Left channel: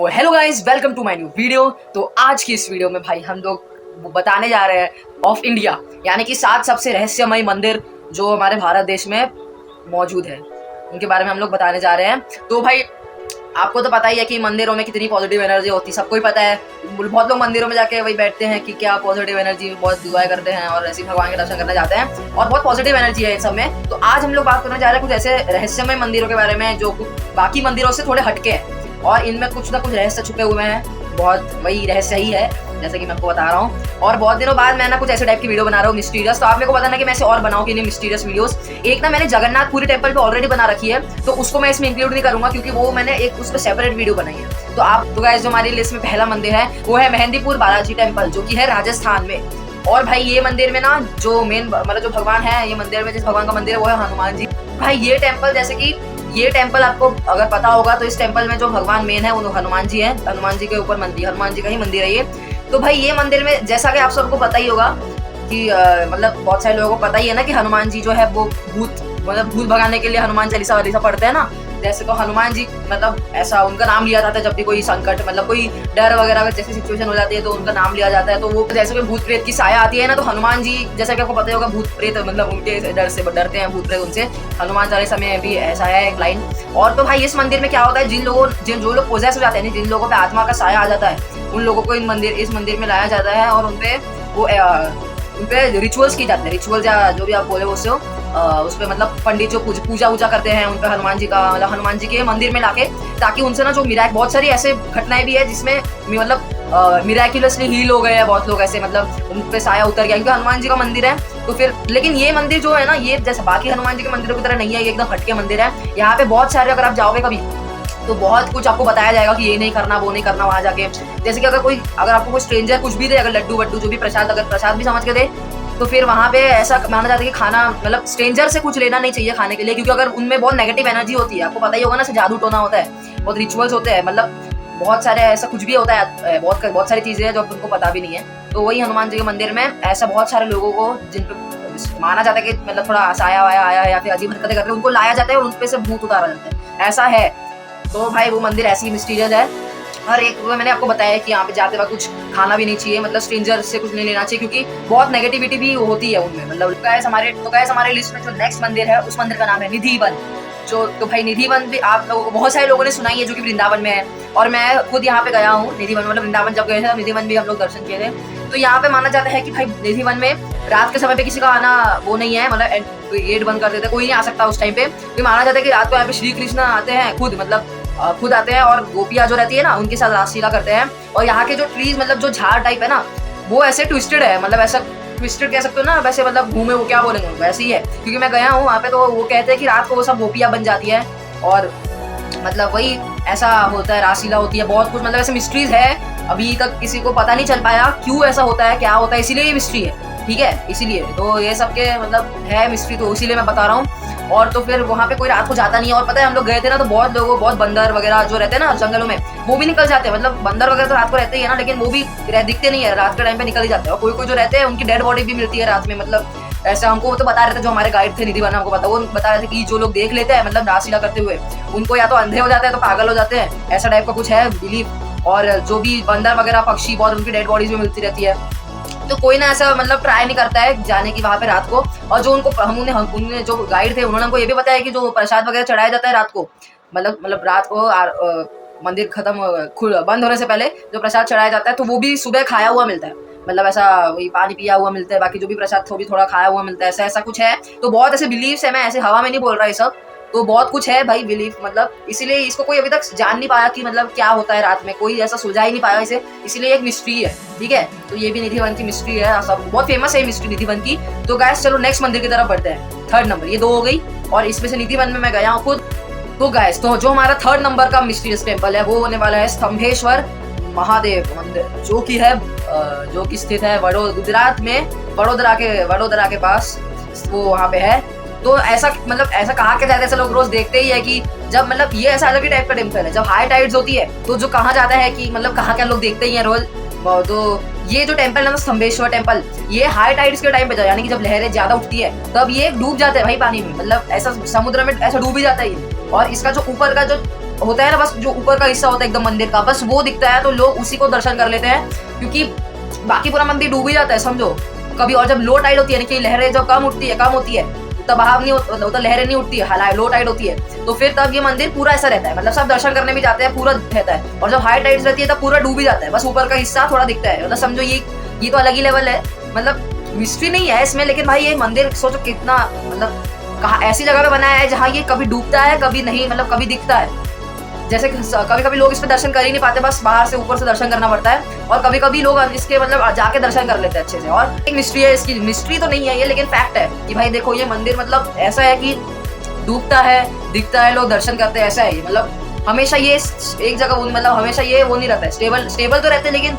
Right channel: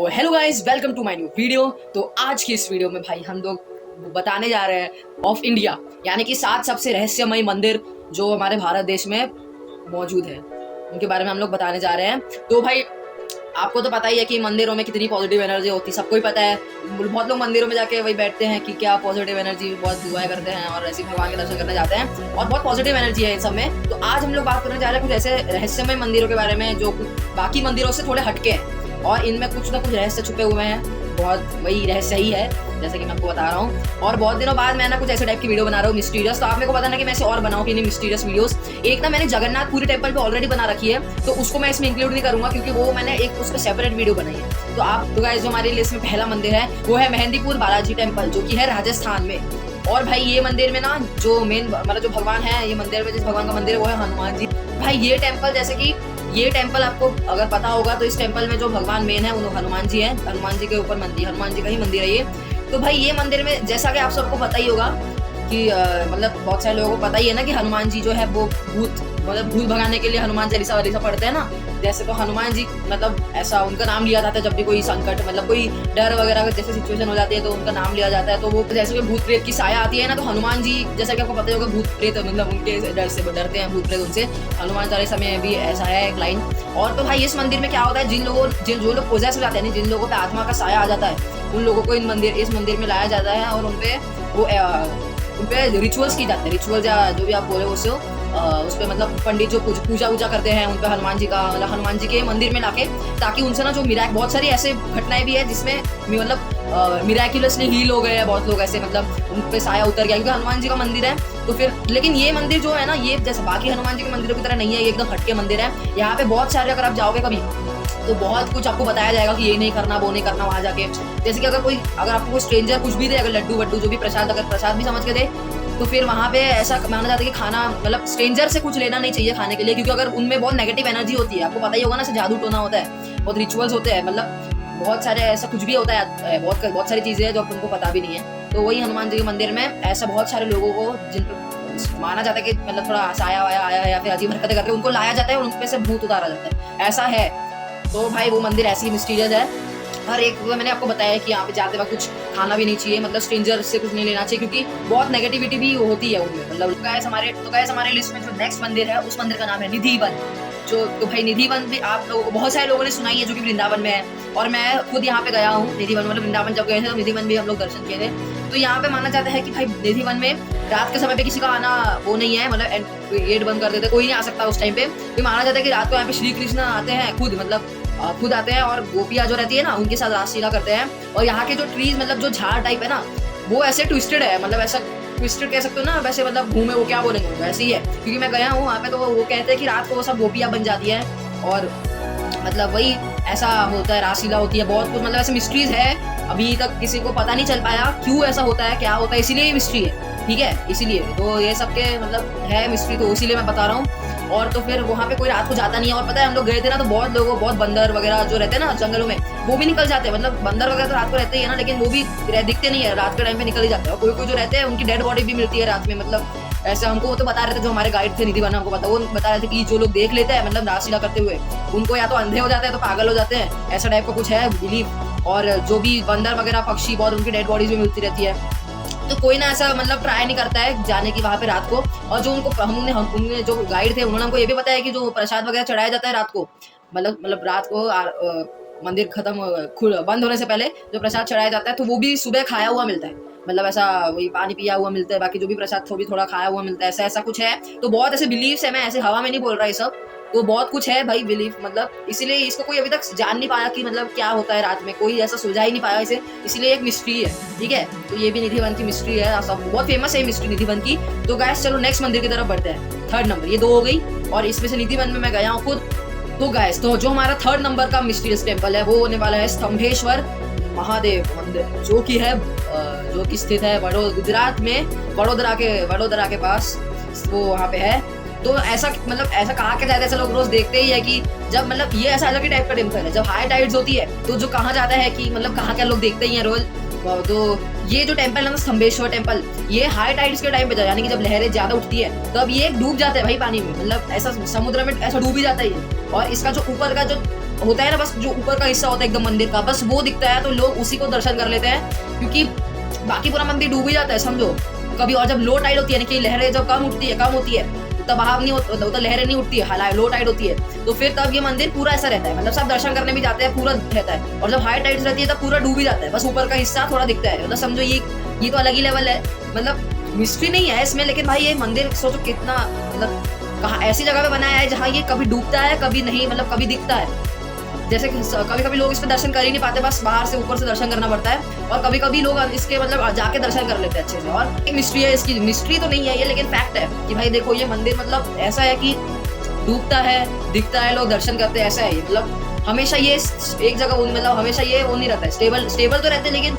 तो hello guys, welcome to my new video. तो आज की इस वीडियो में भाई हम लोग बताने जा रहे हैं ऑफ इंडिया, यानी कि 7 सबसे रहस्यमय मंदिर जो हमारे भारत देश में मौजूद है, उनके बारे में हम लोग बताने जा रहे हैं। तो भाई आपको तो पता ही है कि मंदिरों में कितनी पॉजिटिव एनर्जी होती है, सबको ही पता है। बहुत लोग मंदिरों में जाके वही बैठते हैं कि क्या पॉजिटिव एनर्जी बहुत इंजॉय करते हैं और ऐसे भगवान के दर्शन करने जाते हैं और बहुत पॉजिटिव एनर्जी है इन सब में। तो आज हम लोग बात करने जा रहे हैं कुछ ऐसे रहस्यमय मंदिरों के बारे में जो बाकी मंदिरों से थोड़े हटके हैं और इनमें कुछ ना कुछ रहस्य छुपे हुए हैं। बहुत वही रहस्य ही है जैसे कि मैं आपको बता रहा हूँ। और बहुत दिनों बाद मैं ना कुछ ऐसे टाइप की वीडियो बना रहा हूँ मिस्टीरियस। तो आप मेरे को बताना कि मैं ऐसे और बनाऊँ कि नहीं मिस्टीरियस वीडियोस। एक ना मैंने जगन्नाथपुरी टेम्पल पे ऑलरेडी बना रखी है, तो उसको मैं इसमें इंक्लूड नहीं करूंगा क्योंकि वो मैंने एक उसका सेपरेट वीडियो बनाई है। तो आप तो गाइस जो हमारी लिस्ट में पहला मंदिर है वो है मेहंदीपुर बालाजी टेम्पल, जो कि है राजस्थान में। और भाई ये मंदिर में ना जो मेन मतलब जो भगवान है ये मंदिर में जिस भगवान का मंदिर है वो है हनुमान जी। भाई ये टेम्पल जैसे कि ये टेम्पल आपको अगर पता होगा तो इस टेम्पल में जो भगवान मेन है वो हनुमान जी है। हनुमान जी के ऊपर मंदिर, हनुमान जी का ही मंदिर है ये। तो भाई ये मंदिर में जैसा कि आप सबको पता ही होगा कि मतलब बहुत सारे लोगों को पता ही है ना कि हनुमान जी जो है वो भूत भगाने के लिए हनुमान चालीसा वालीसा पढ़ते हैं ना। जैसे तो हनुमान जी मतलब ऐसा उनका नाम लिया जाता है जब भी कोई संकट मतलब कोई डर वगैरह जैसे सिचुएशन हो जाती है तो उनका नाम लिया जाता है। तो वो जैसे कोई भूत प्रेत की साया आती है ना तो हनुमान जी जैसा कि आपको पता ही होगा भूत प्रेत मतलब उनके डर से डरते हैं भूत प्रेत उनसे। हनुमान चालीसा में भी ऐसा है एक लाइन। और तो भाई इस मंदिर में क्या होता है, जो लोग पोजेस हो जाते हैं जिन लोगों पे आत्मा का साया आ जाता है उन लोगों को इस मंदिर में लाया जाता है और उनपे रिचुअल्स की जाते हैं। रिचुअल्स या जो भी आप बोले उससे उस पर मतलब पंडित जो पूजा वूजा करते हैं उन पे हनुमान जी का मतलब हनुमान जी के मंदिर में लाके, ताकि उनसे ना जो बहुत सारी ऐसे घटनाएं भी है जिसमें मतलब मिराक्युलसली हील हो गए हैं बहुत लोग ऐसे, मतलब उन पे साया उतर गया क्योंकि हनुमान जी का मंदिर है। तो फिर लेकिन ये मंदिर जो है ना ये जैसे बाकी हनुमान जी के मंदिरों की तरह नहीं है, ये एकदम हटके मंदिर है। यहाँ पे बहुत सारे अगर आप जाओगे कभी तो बहुत कुछ आपको बताया जाएगा कि ये नहीं करना वो नहीं करना वहाँ जाके। जैसे कि अगर आपको कोई स्ट्रेंजर कुछ भी दे, अगर लड्डू वड्डू जो भी प्रसाद अगर प्रसाद भी समझ के दे तो फिर वहाँ पे ऐसा माना जाता है कि खाना मतलब स्ट्रेंजर से कुछ लेना नहीं चाहिए खाने के लिए, क्योंकि अगर उनमें बहुत नेगेटिव एनर्जी होती है। आपको पता ही होगा ना, जादू टोना होता है, बहुत रिचुअल्स होते हैं, मतलब बहुत सारे ऐसा कुछ भी होता है, बहुत सारी चीजें हैं जो उनको पता भी नहीं है। तो वही हनुमान जी के मंदिर में ऐसा बहुत सारे लोगों को जिन पे माना जाता है कि मतलब थोड़ा साया वाया आया है या फिर अजीब हरकतें करके उनको लाया जाता है और उनपे से भूत उतारा जाता है, ऐसा है। तो भाई वो मंदिर ऐसी मिस्टीरियस है। और एक वो मैंने आपको बताया कि यहाँ पे जाते वक्त कुछ खाना भी नहीं चाहिए, मतलब स्ट्रेंजर से कुछ नहीं लेना चाहिए क्योंकि बहुत नेगेटिविटी भी होती है उनमें। मतलब गाइस हमारे लिस्ट में जो नेक्स्ट मंदिर है उस मंदिर का नाम है निधि वन। तो भाई निधि वन भी आप लोगों को बहुत सारे लोगों ने सुनाई है जो कि वृंदावन में है और मैं खुद यहाँ पे गया हूँ निधि वन। मतलब वृंदावन जब गए थे निधि वन भी हम लोग दर्शन किए थे। तो यहाँ पे माना जाता है कि भाई निधि वन में रात के समय पे किसी का आना वो नहीं है, मतलब गेट बंद कर देते, कोई नहीं आ सकता उस टाइम पे। तो माना जाता है कि रात को यहाँ पे श्री कृष्ण आते हैं खुद आते हैं और गोपियाँ जो रहती है ना उनके साथ रासलीला करते हैं। और यहाँ के जो ट्रीज मतलब जो झाड़ टाइप है ना वो ऐसे ट्विस्टेड है, मतलब ऐसा ट्विस्टेड कह सकते हो ना, वैसे मतलब घूमे वो क्या बोलेंगे वैसे ही है। क्योंकि मैं गया हूँ वहाँ पे तो वो कहते हैं कि रात को वो सब गोपियाँ बन जाती है और मतलब वही ऐसा होता है, रासलीला होती है, बहुत कुछ मतलब ऐसे मिस्ट्रीज है। अभी तक किसी को पता नहीं चल पाया क्यों ऐसा होता है क्या होता है, इसीलिए ये मिस्ट्री है, ठीक है। इसीलिए तो ये सबके मतलब है मिस्ट्री, तो इसीलिए मैं बता रहा हूँ। और तो फिर वहाँ पे कोई रात को जाता नहीं है। और पता है हम लोग गए थे ना तो बहुत बंदर वगैरह जो रहते हैं ना जंगलों में वो भी निकल जाते हैं। मतलब बंदर वगैरह तो रात को रहते ही है ना, लेकिन वो भी दिखते नहीं है, रात के टाइम पे निकल ही जाते हैं। और कोई जो रहते हैं उनकी डेड बॉडी भी मिलती है रात में। मतलब ऐसा हमको वो तो बता रहे थे जो हमारे गाइड थे निधि वन, हमको वो बता रहे थे कि जो लोग देख लेते हैं मतलब रासलीला करते हुए उनको या तो अंधे हो जाते हैं तो पागल हो जाते हैं, ऐसा टाइप का कुछ है बिलीव। और जो भी बंदर वगैरह पक्षी बहुत उनकी डेड बॉडीज में मिलती रहती है। तो कोई ना ऐसा मतलब ट्राई नहीं करता है जाने की वहाँ पे रात को। और जो उन्होंने जो गाइड थे उन्होंने हमको ये भी बताया कि जो प्रसाद वगैरह चढ़ाया जाता है रात को, मतलब रात को मंदिर बंद होने से पहले जो प्रसाद चढ़ाया जाता है तो वो भी सुबह खाया हुआ मिलता है। मतलब ऐसा वही पानी पिया हुआ मिलता है, बाकी जो भी प्रसाद वो भी थोड़ा खाया हुआ मिलता है, ऐसा कुछ है। तो बहुत ऐसे बिलीव्स है, मैं ऐसे हवा में नहीं बोल रहा ये सब, तो बहुत कुछ है भाई बिलीफ। मतलब इसीलिए इसको कोई अभी तक जान नहीं पाया कि मतलब क्या होता है रात में, कोई ऐसा सुलझा ही नहीं पाया इसे, इसलिए एक मिस्ट्री है, ठीक है। तो ये भी निधि वन की मिस्ट्री है, सब बहुत फेमस है मिस्ट्री निधि वन की। तो गाइस चलो नेक्स्ट मंदिर की तरफ बढ़ते हैं। थर्ड नंबर, ये 2 हो गई और इसमें से निधि वन में मैं गया हूँ खुद। तो गाइस तो जो हमारा थर्ड नंबर का मिस्टीरियस टेम्पल है वो होने वाला है स्तंभेश्वर महादेव मंदिर, जो कि स्थित है गुजरात में वडोदरा के पास, वो वहाँ पे है। तो ऐसा कहा क्या जाता है, ऐसा लोग रोज देखते ही है कि जब मतलब ये ऐसा अलग ही टाइप का टेम्पल है, जब हाई टाइड्स होती है तो जो कहा जाता है कि मतलब कहा क्या लोग देखते ही है रोज। तो ये जो टेम्पल है ना स्तंभेश्वर टेम्पल, ये हाई टाइड्स के टाइम पे यानी कि जब लहरें ज्यादा उठती है तब ये डूब जाता है भाई पानी में, मतलब ऐसा समुद्र में ऐसा डूब ही जाता है ये। और इसका जो ऊपर का जो होता है ना, बस जो ऊपर का हिस्सा होता है एकदम मंदिर का, बस वो दिखता है, तो लोग उसी को दर्शन कर लेते हैं, क्योंकि बाकी पूरा मंदिर डूब ही जाता है समझो कभी। और जब लो टाइड होती है, कि लहरें जब कम होती है तब बहाव नहीं होता, तो लहरें नहीं उठती है, हालांकि लो टाइड होती है, तो फिर तब ये मंदिर पूरा ऐसा रहता है, मतलब सब दर्शन करने भी जाते हैं, पूरा रहता है। और जब हाई टाइड्स रहती है तब पूरा डूब ही जाता है, बस ऊपर का हिस्सा थोड़ा दिखता है। मतलब समझो ये तो अलग ही लेवल है, मतलब मिस्ट्री नहीं है इसमें, लेकिन भाई ये मंदिर सोचो कितना, मतलब कहाँ ऐसी जगह पे बनाया है जहाँ ये कभी डूबता है कभी नहीं, मतलब कभी दिखता है। जैसे कभी कभी लोग इस पे दर्शन कर ही नहीं पाते, बस बाहर से ऊपर से दर्शन करना पड़ता है, और कभी कभी लोग इसके मतलब जाके दर्शन कर लेते हैं अच्छे से। और एक मिस्ट्री है इसकी, मिस्ट्री तो नहीं है ये, लेकिन फैक्ट है कि भाई देखो ये मंदिर मतलब ऐसा है कि डूबता है, दिखता है, लोग दर्शन करते हैं, ऐसा है ये। मतलब हमेशा ये एक जगह मतलब हमेशा ये वो नहीं रहता है, स्टेबल तो रहते हैं, लेकिन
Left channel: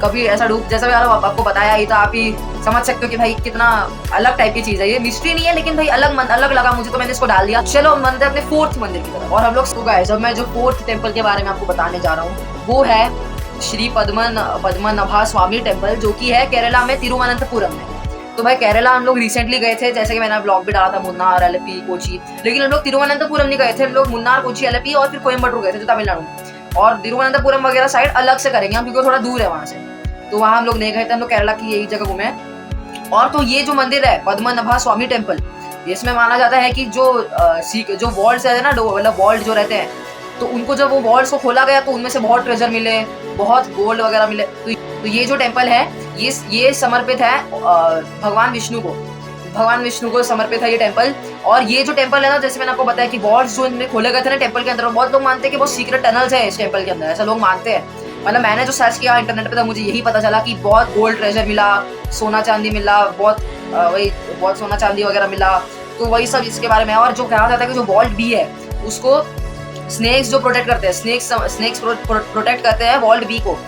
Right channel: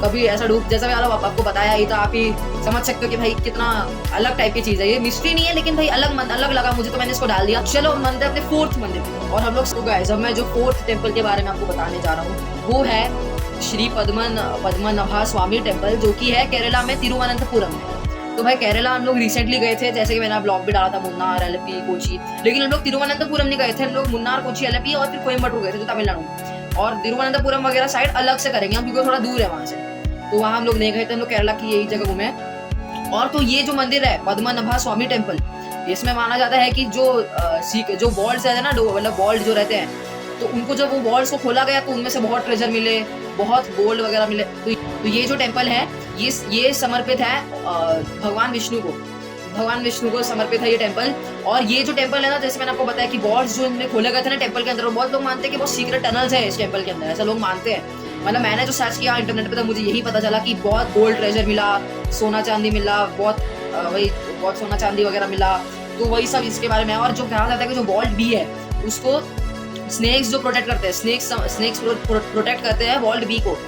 कभी ऐसा डूब, जैसा भी आपको बताया ही, तो आप ही समझ सकते हो कि भाई कितना अलग टाइप की चीज है ये। मिस्ट्री नहीं है, लेकिन भाई अलग लगा मुझे, तो मैंने इसको डाल दिया। चलो हम बनते हैं अपने फोर्थ मंदिर की तरफ, और हम लोग गाइस, मैं जो फोर्थ टेम्पल के बारे में आपको बताने जा रहा हूँ वो है श्री पद्मनाभा स्वामी टेम्पल, जो कि है केरला में तिरुवनंतपुरम में। तो भाई केरला हम लोग रिसेंटली गए थे, जैसे कि मैंने ब्लॉग भी डाला था, मुन्नार, अलेपी, कोची, लेकिन हम लोग तिरुवनंतपुरम नहीं गए थे, हम लोग मुन्नार, कोची, अलेपी और फिर कोयम्बटूर गए थे, जो तमिलनाडु। और तिरुवनंतपुरम वगैरह साइड अलग से करेंगे हम, क्योंकि थोड़ा दूर है वहां से, तो वहां हम लोग नहीं गए थे, हम लोग केरला की यही जगह घूमे। और तो ये जो मंदिर है पद्मनाभा स्वामी टेम्पल, इसमें माना जाता है कि जो वॉल्स है ना, मतलब वॉल्ट जो रहते हैं, तो उनको जब वो वॉल्स को खोला गया तो उनमें से बहुत ट्रेजर मिले, बहुत गोल्ड वगैरह मिले। तो ये जो टेम्पल है ये समर्पित है भगवान विष्णु को समर्पित है ये टेम्पल। और ये जो टेम्पल है ना, जैसे मैंने आपको बताया कि वॉल्स जो इनमें खोले गए थे ना टेम्पल के अंदर, बहुत लोग मानते हैं कि बहुत सीक्रेट टनल्स है इस टेम्पल के अंदर, ऐसा लोग मानते हैं। मतलब मैंने जो सर्च किया इंटरनेट पे, तो मुझे यही पता चला कि बहुत गोल्ड ट्रेजर मिला, सोना चांदी मिला, बहुत सोना चांदी वगैरह मिला, तो वही सब इसके बारे में। और जो कहा जाता है कि जो वॉल्ट बी है उसको स्नेक्स जो प्रोटेक्ट करते हैं, स्नेक्स प्रोटेक्ट करते हैं वॉल्ट बी को।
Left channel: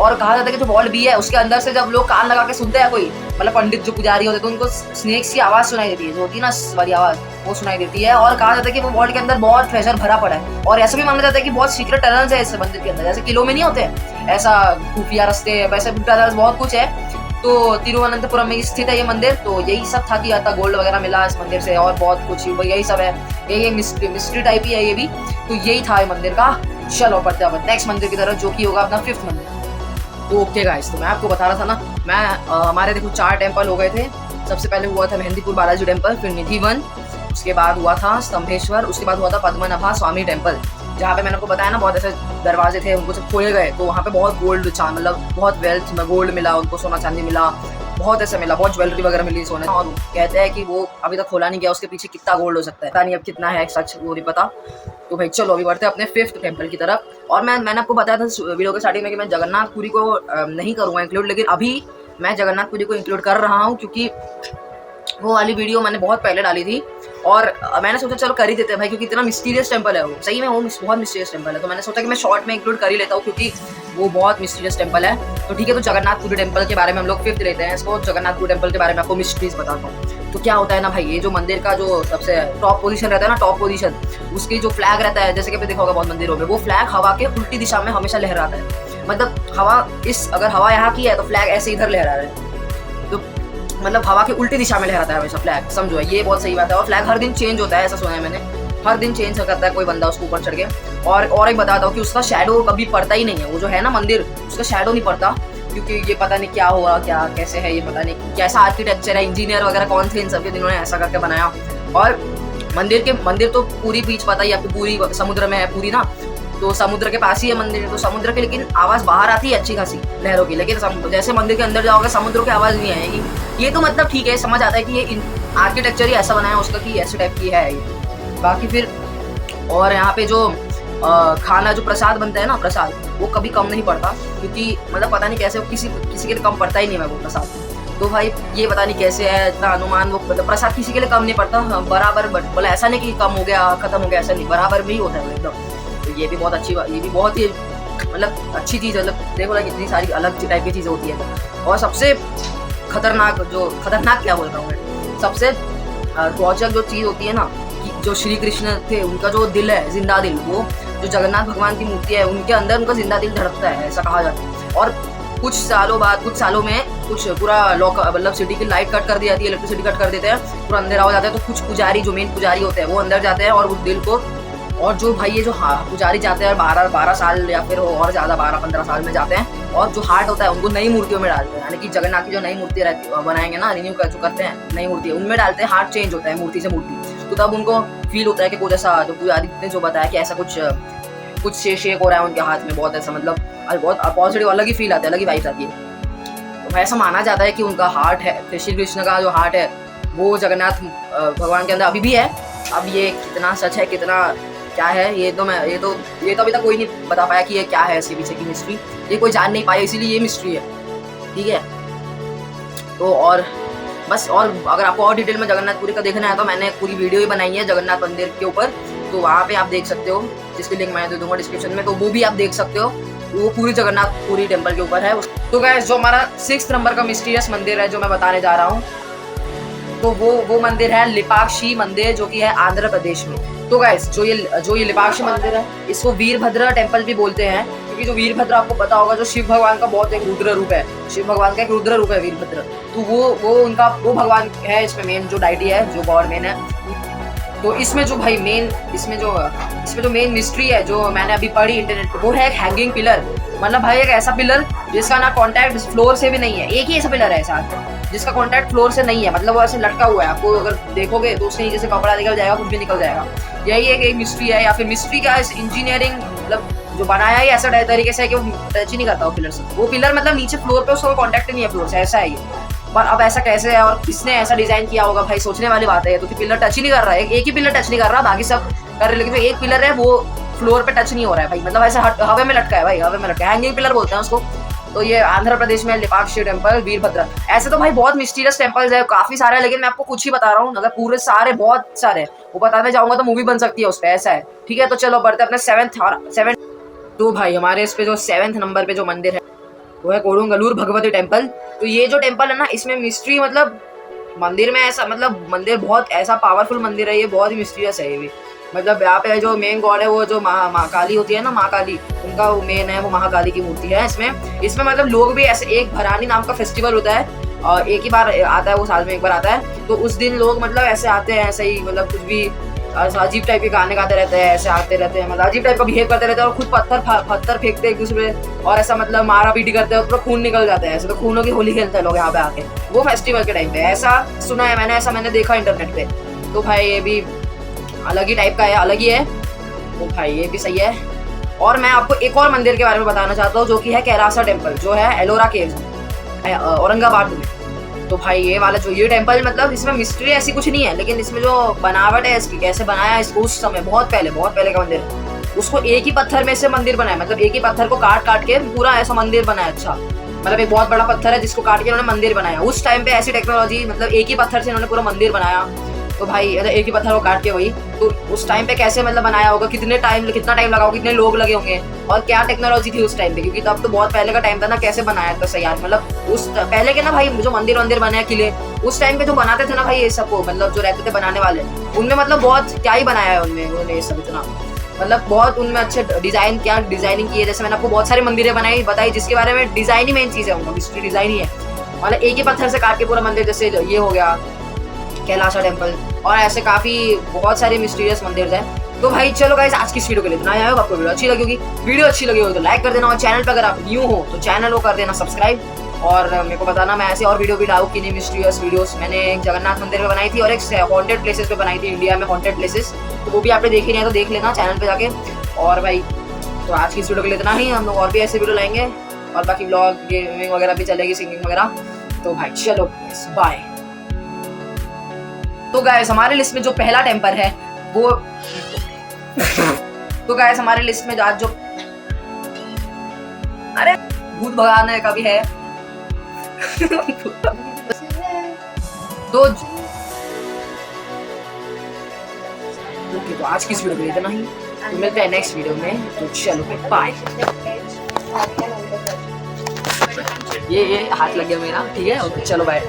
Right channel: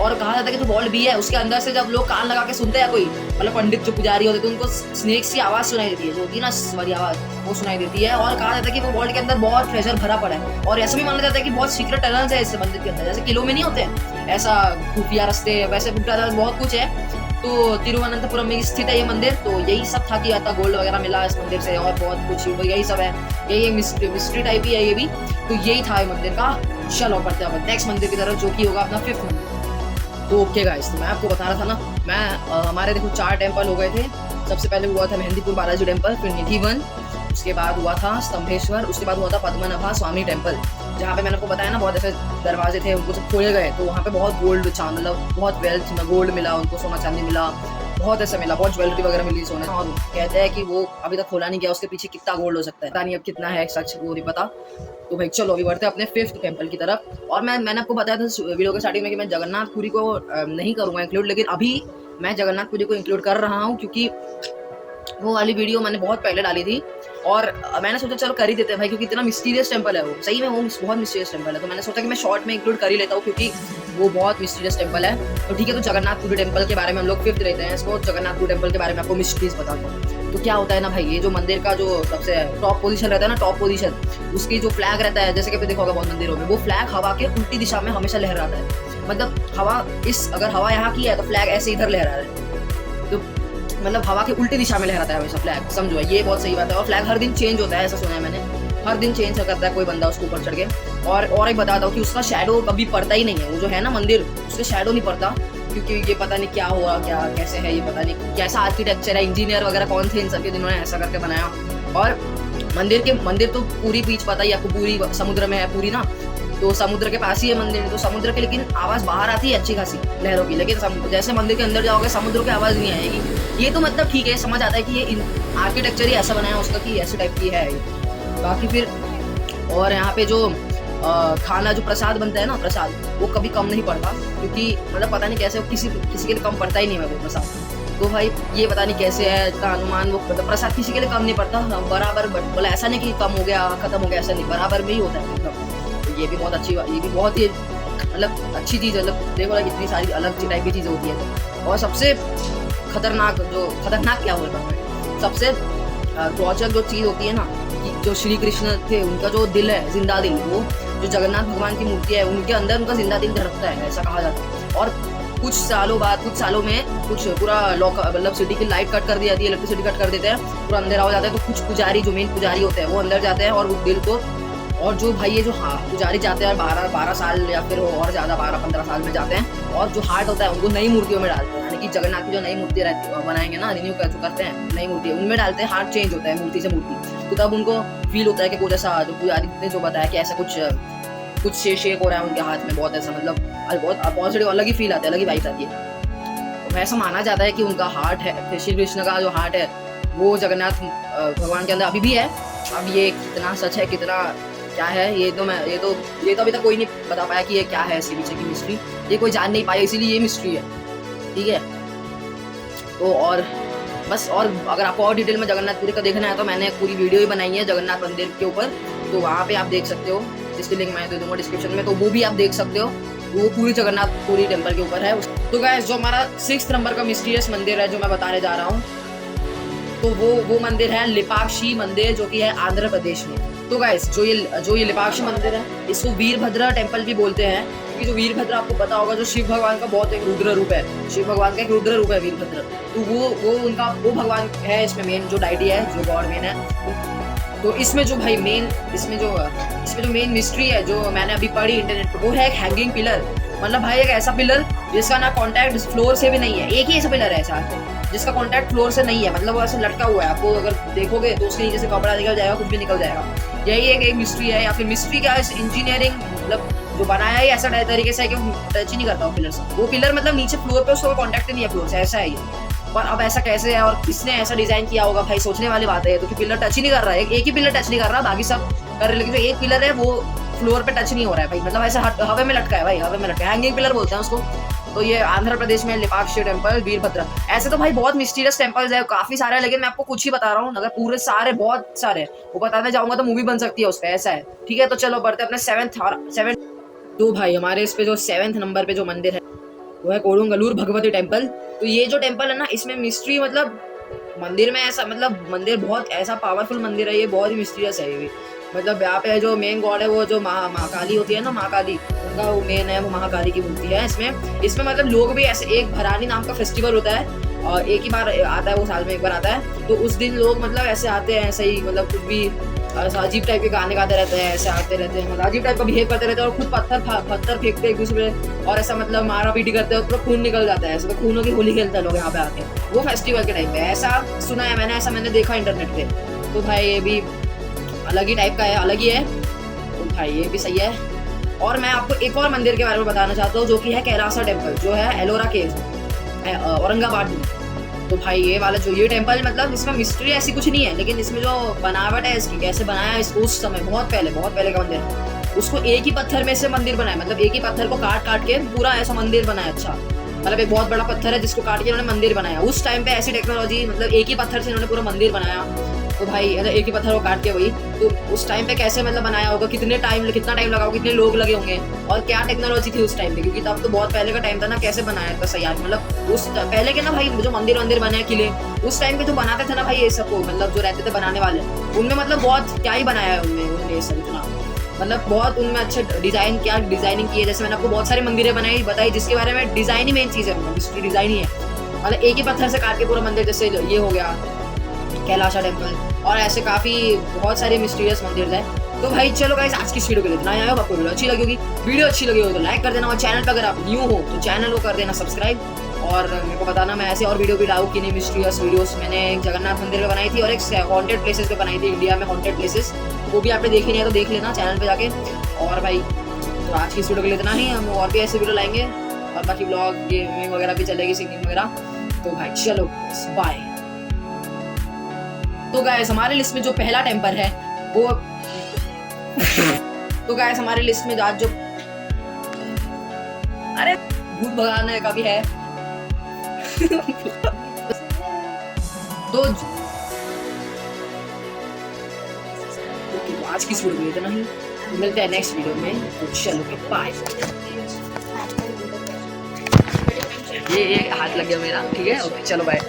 और कहा जाता है कि जो वॉल्ट बी है उसके अंदर से जब लोग कान लगा के सुनते हैं, कोई मतलब पंडित जो पुजारी होते हैं, तो उनको स्नेक्स की आवाज सुनाई देती है, जो होती है ना वाली आवाज, वो सुनाई देती है। और कहा जाता है कि वो वॉल्ट के अंदर बहुत ट्रेजर भरा पड़ा है, और ऐसा भी माना जाता है कि बहुत सीक्रेट टनल्स है इस मंदिर के अंदर, जैसे किलो में नहीं होते ऐसा खुफिया रास्ते, वैसे टनल्स बहुत कुछ है। तो तिरुवनंतपुरम में स्थित है ये मंदिर। तो यही सब था कि आता गोल्ड वगैरह मिला इस मंदिर से, और बहुत कुछ यही सब है, ये मिस्ट्री टाइप ही है ये भी। तो यही था ये मंदिर का। चलो बढ़ते हैं नेक्स्ट मंदिर की तरफ, जो कि होगा अपना फिफ्थ मंदिर। तो ओके गाइस, तो मैं आपको बता रहा था ना, मैं हमारे देखो 4 टेम्पल हो गए थे। सबसे पहले हुआ था मेहंदीपुर बालाजी टेम्पल, फिर निधि वन, उसके बाद हुआ था स्तंभेश्वर, उसके बाद हुआ था पद्मनाभा स्वामी टेम्पल, जहाँ पे मैंने आपको बताया ना बहुत ऐसे दरवाजे थे, उनको जब खोले गए तो वहाँ पे बहुत गोल्ड मतलब बहुत वेल्थ में गोल्ड मिला, उनको सोना चांदी मिला, बहुत ऐसे मिला, बहुत ज्वेलरी वगैरह मिली सोने। और कहते हैं कि वो अभी तक खोला नहीं गया, उसके पीछे कितना गोल्ड हो सकता है, पता नहीं अब कितना है सच, वो नहीं पता। तो भाई चलो अभी बढ़ते हैं अपने फिफ्थ टेम्पल की तरफ। और मैंने आपको बताया था वीडियो के स्टार्टिंग में कि मैं जगन्नाथपुरी को नहीं करूँगा इंक्लूड, लेकिन अभी मैं जगन्नाथपुरी को इंक्लूड कर रहा हूँ, क्योंकि वो वाली वीडियो मैंने बहुत पहले डाली थी, और मैंने सोचा चलो कर ही देते हैं भाई, क्योंकि इतना मिस्टीरियस टेम्पल है वो, सही में वो बहुत मिस्टीरियस टेम्पल है। तो मैंने सोचा कि मैं शॉर्ट में इंक्लूड कर ही लेता हूँ, क्योंकि वो बहुत मिस्टीरियस टेम्पल है। तो ठीक है, तो जगन्नाथपुरी टेम्पल के बारे में हम लोग फिफ्थ लेते हैं इसको। जगन्नाथपुरी टेम्पल के बारे में आपको मिस्ट्रीज बताता हूँ। तो क्या होता है ना भाई, ये जो मंदिर का जो सबसे टॉप पोजीशन रहता है ना, टॉप पोजीशन, उसकी जो फ्लैग रहता है, जैसे कि देखा होगा बहुत मंदिरों में, वो फ्लैग हवा के उल्टी दिशा में हमेशा लहराता है। मतलब अगर हवा यहाँ की है तो फ्लैग ऐसे इधर लहरा रहा है, तो मतलब हवा के उल्टी दिशा में लहराता है हमेशा फ्लैग, समझो ये बहुत सही बात है। और फ्लैग हर दिन चेंज होता है, ऐसा सुना है मैंने, हर दिन चेंज करता है कोई बंदा उसके ऊपर चढ़ के। और एक बताता हूँ कि उसका शैडो कभी पड़ता ही नहीं है, वो जो है ना मंदिर, उसका शैडो नहीं पड़ता, क्योंकि ये पता नहीं क्या होगा, क्या कैसे है, ये पता नहीं कैसा आर्किटेक्चर है, इंजीनियर वगैरह कौन थे इन सभी जिन्होंने ऐसा करके बनाया। और मंदिर तो पूरी बीच पता ही आपको, पूरी समुद्र में है पूरी ना, तो समुद्र के पास ही है मंदिर, तो समुद्र के लेकिन आवाज बाहर आती है अच्छी खासी लहरों की, लेकिन जैसे मंदिर के अंदर जाओगे समुद्र की आवाज नहीं आएगी। ये तो मतलब ठीक है, समझ आता है कि ये आर्किटेक्चर ही ऐसा बनाया उसका कि ऐसे टाइप की है ये। बाकी फिर और यहाँ पे जो खाना जो प्रसाद बनता है ना, प्रसाद वो कभी कम नहीं पड़ता, क्योंकि मतलब पता नहीं कैसे किसी के लिए कम पड़ता ही नहीं है वो प्रसाद। तो भाई ये पता नहीं कैसे है, इतना अनुमान, वो प्रसाद किसी के लिए कम नहीं पड़ता, बराबर, मतलब ऐसा नहीं कि कम हो गया खत्म हो गया, ऐसा नहीं, बराबर भी होता है एकदम। तो ये भी बहुत अच्छी बात, ये भी बहुत ही मतलब अच्छी चीज़ है। मतलब देखो ना कितनी सारी अलग टाइप की चीज़ होती है। और सबसे खतरनाक क्या बोल रहा हूँ मैं, सबसे रोचक जो चीज़ होती है ना, जो श्री कृष्ण थे उनका जो दिल है, जिंदा दिल, वो जो जगन्नाथ भगवान की मूर्ति है उनके अंदर उनका जिंदा दिल धड़कता है, ऐसा कहा जाता है। और कुछ सालों में कुछ पूरा मतलब सिटी की लाइट कट कर दी जाती है, इलेक्ट्रिसिटी कट कर देते हैं, पूरा अंधेरा हो जाता है, तो कुछ पुजारी जो मेन पुजारी होते हैं वो अंदर जाते हैं और उस दिल को और जो भाई ये जो पुजारी जाते हैं 12 साल या फिर और ज़्यादा 12-15 साल में जाते हैं, और जो हार्ट होता है उनको नई मूर्तियों में डालते हैं, यानी कि जगन्नाथ की जो नई मूर्ति बनाएंगे ना, रिन्यू का जो करते हैं नई मूर्ति, उनमें डालते हैं, हार्ट चेंज होता है मूर्ति से मूर्ति। तो तब उनको फील होता है कि कुछ ऐसा, जो पुजारी ने जो बताया कि ऐसा कुछ शेक हो रहा है उनके हाथ में, बहुत ऐसा मतलब बहुत पॉजिटिव अलग ही फील आता है, अलग ही वाइब्स आती है। तो ऐसा माना जाता है कि उनका हार्ट है, श्री कृष्ण का जो हार्ट है वो जगन्नाथ भगवान के अंदर अभी भी है। अब ये कितना सच है कितना क्या है, ये तो अभी तक कोई नहीं बता पाया कि ये क्या है, इसके पीछे की मिस्ट्री ये कोई जान नहीं पाया, इसीलिए ये मिस्ट्री है, ठीक है। तो और बस, और अगर आपको और डिटेल में जगन्नाथपुरी का देखना है तो मैंने पूरी वीडियो ही बनाई है जगन्नाथ मंदिर के ऊपर, तो वहाँ पे आप देख सकते हो, जिसकी लिंक मैं दे दूंगा डिस्क्रिप्शन में, तो वो भी आप देख सकते हो, वो पूरी जगन्नाथपुरी टेम्पल के ऊपर है। तो गाइस जो हमारा 6 नंबर का मिस्टीरियस मंदिर है जो मैं बताने जा रहा हूँ, तो वो मंदिर है लिपाक्षी मंदिर, जो कि है आंध्र प्रदेश में। तो गाइस जो ये लिपाक्षी मंदिर है, इसको वीरभद्र टेम्पल भी बोलते हैं, क्योंकि जो वीरभद्र आपको पता होगा जो शिव भगवान का बहुत एक रुद्र रूप है, शिव भगवान का एक रुद्र रूप है वीरभद्र, तो वो भगवान है इसमें मेन जो डायटी है, जो गॉड मेन है। तो इसमें जो भाई इसमें जो मेन मिस्ट्री है जो मैंने अभी पढ़ी इंटरनेट पर, वो है एक हैंगिंग पिलर, मतलब भाई एक ऐसा पिलर जिसका ना कॉन्टैक्ट फ्लोर से भी नहीं है, एक ही ऐसा पिलर है ऐसा जिसका कॉन्टैक्ट फ्लोर से नहीं है, मतलब वो ऐसे लटका हुआ है, आपको अगर देखोगे तो उसके नीचे से कपड़ा निकल जाएगा, कुछ भी निकल जाएगा। यही एक मिस्ट्री है, या फिर मिस्ट्री क्या है, इंजीनियरिंग मतलब जो बनाया है ऐसा तरीके से कि वो टच ही नहीं करता वो पिलर से, वो पिलर मतलब नीचे फ्लोर पे उसका कॉन्टैक्ट ही नहीं है फ्लोर से, ऐसा है। पर अब ऐसा कैसे है और किसने ऐसा डिजाइन किया होगा भाई, सोचने वाली बात है। तो पिलर टच ही नहीं कर रहा है, एक ही पिलर टच नहीं कर रहा, बाकी सब कर रहे, लेकिन जो एक पिलर है वो फ्लोर पे टच नहीं हो रहा है भाई, मतलब ऐसा हवा में लटका है भाई, हवा में लटका है, हैंगिंग पिलर बोलते हैं उसको। तो ये आंध्र प्रदेश में लिपाक्षी टेम्पल वीरभद्र। ऐसे तो भाई बहुत मिस्टीरियस टेम्पल्स है, काफी सारे हैं, लेकिन मैं आपको कुछ ही बता रहा हूँ, अगर पूरे सारे बहुत सारे वो बताने जाऊंगा तो मूवी बन सकती है उस पर, ऐसा है, ठीक है। तो चलो बढ़ते अपने सेवेंथ। तो भाई हमारे इस पे जो 7th नंबर पे जो मंदिर है वो है कोडुंगलूर भगवती टेम्पल। तो ये जो टेम्पल है ना, इसमें मिस्ट्री मतलब मंदिर में ऐसा, मतलब मंदिर बहुत ऐसा पावरफुल मंदिर है, ये बहुत ही मिस्टीरियस है ये भी। मतलब यहाँ पे जो मेन गॉड है वो जो महाकाली होती है ना, महाकाली, उनका वो मेन है, वो महाकाली की मूर्ति है इसमें मतलब लोग भी ऐसे, एक भरानी नाम का फेस्टिवल होता है और एक ही बार आता है, वो साल में एक बार आता है, तो उस दिन लोग मतलब ऐसे आते हैं, ऐसे ही मतलब कुछ भी अजीब टाइप के गाने गाते रहते हैं, ऐसे आते रहते हैं, मतलब अजीब टाइप का बिहेव करते रहते हैं, और खुद पत्थर फेंकते हैं एक दूसरे, और ऐसा मतलब मारा पीटी करते हैं, पूरा खून निकल जाता है, ऐसे तो खूनों की होली खेलते हैं लोग यहाँ पे आके, वो फेस्टिवल के टाइम पे। ऐसा सुना है मैंने, ऐसा मैंने देखा इंटरनेट पे। तो भाई ये भी अलग ही टाइप का है, अलग ही है, तो भाई ये भी सही है। और मैं आपको एक और मंदिर के बारे में बताना चाहता हूँ, जो कि है कैलासा टेम्पल, जो है एलोरा केव औरंगाबाद में। तो भाई ये वाला जो ये टेम्पल, मतलब इसमें मिस्ट्री ऐसी कुछ नहीं है, लेकिन इसमें जो बनावट है इसकी, कैसे बनाया इसको उस समय बहुत पहले का मंदिर, उसको एक ही पत्थर में से मंदिर बनाया, मतलब एक ही पत्थर को काट के पूरा ऐसा मंदिर बनाया। अच्छा, मतलब एक बहुत बड़ा पत्थर है जिसको काट के उन्होंने मंदिर बनाया। उस टाइम पे ऐसी टेक्नोलॉजी, मतलब एक ही पत्थर से उन्होंने पूरा मंदिर बनाया। तो भाई एक ही पत्थर को काट के वही, तो उस टाइम पे कैसे मतलब बनाया होगा, कितना टाइम लगा होगा, कितने लोग लगे होंगे, और क्या टेक्नोलॉजी थी उस टाइम पे, क्योंकि तब तो बहुत पहले का टाइम था ना, कैसे बनाया था सही यार, मतलब उस पहले के ना भाई जो मंदिर बने किले, उस टाइम पे जो बनाते थे ना भाई ये सबको, मतलब जो रहते थे बनाने वाले, उनने मतलब बहुत क्या ही बनाया है उन्होंने ये सब इतना, मतलब बहुत उनमें अच्छे डिजाइनिंग की है। जैसे मैंने आपको बहुत सारी मंदिरें बताई जिसके बारे में डिजाइन ही मेन चीज है, उनका मिस्ट्री डिजाइन ही है, मतलब एक ही पत्थर से काट के पूरा मंदिर, जैसे ये हो गया कैलासा टेम्पल, और ऐसे काफी बहुत सारे मिस्टीरियस मंदिर हैं। तो भाई चलो गाइस, आज की वीडियो के लिए इतना ही। आपको वीडियो अच्छी लगी होगी तो लाइक कर देना, और चैनल पर अगर आप न्यू हो तो चैनल को कर देना सब्सक्राइब, और मेरे को बताना मैं ऐसे और वीडियो भी डालूँ कि नहीं मिस्टीरियस वीडियोस। मैंने एक जगन्नाथ मंदिर में बनाई थी और एक हॉन्टेड प्लेसेस पे बनाई थी, इंडिया में हॉन्टेड प्लेसेस, तो वो भी आपने देखी नहीं है तो देख लेना चैनल पे जाके। और भाई तो आज की इस वीडियो के लिए इतना ही, हम लोग और भी ऐसे वीडियो लाएंगे, और बाकी ब्लॉग गेमिंग वगैरह भी चलेगी, सिंगिंग वगैरह। तो भाई चलो बाय। तो गाइस हमारे लिस्ट में जो पहला टेम्पल है वो तो गाइस हमारे लिस्ट में आज जो अरे भूत भगाने का भी है तो आज की इस वीडियो में इतना ही, मिलते हैं नेक्स्ट वीडियो में। तो चलो बाय। ये हाथ लगे मेरा, ठीक है, चलो बाय।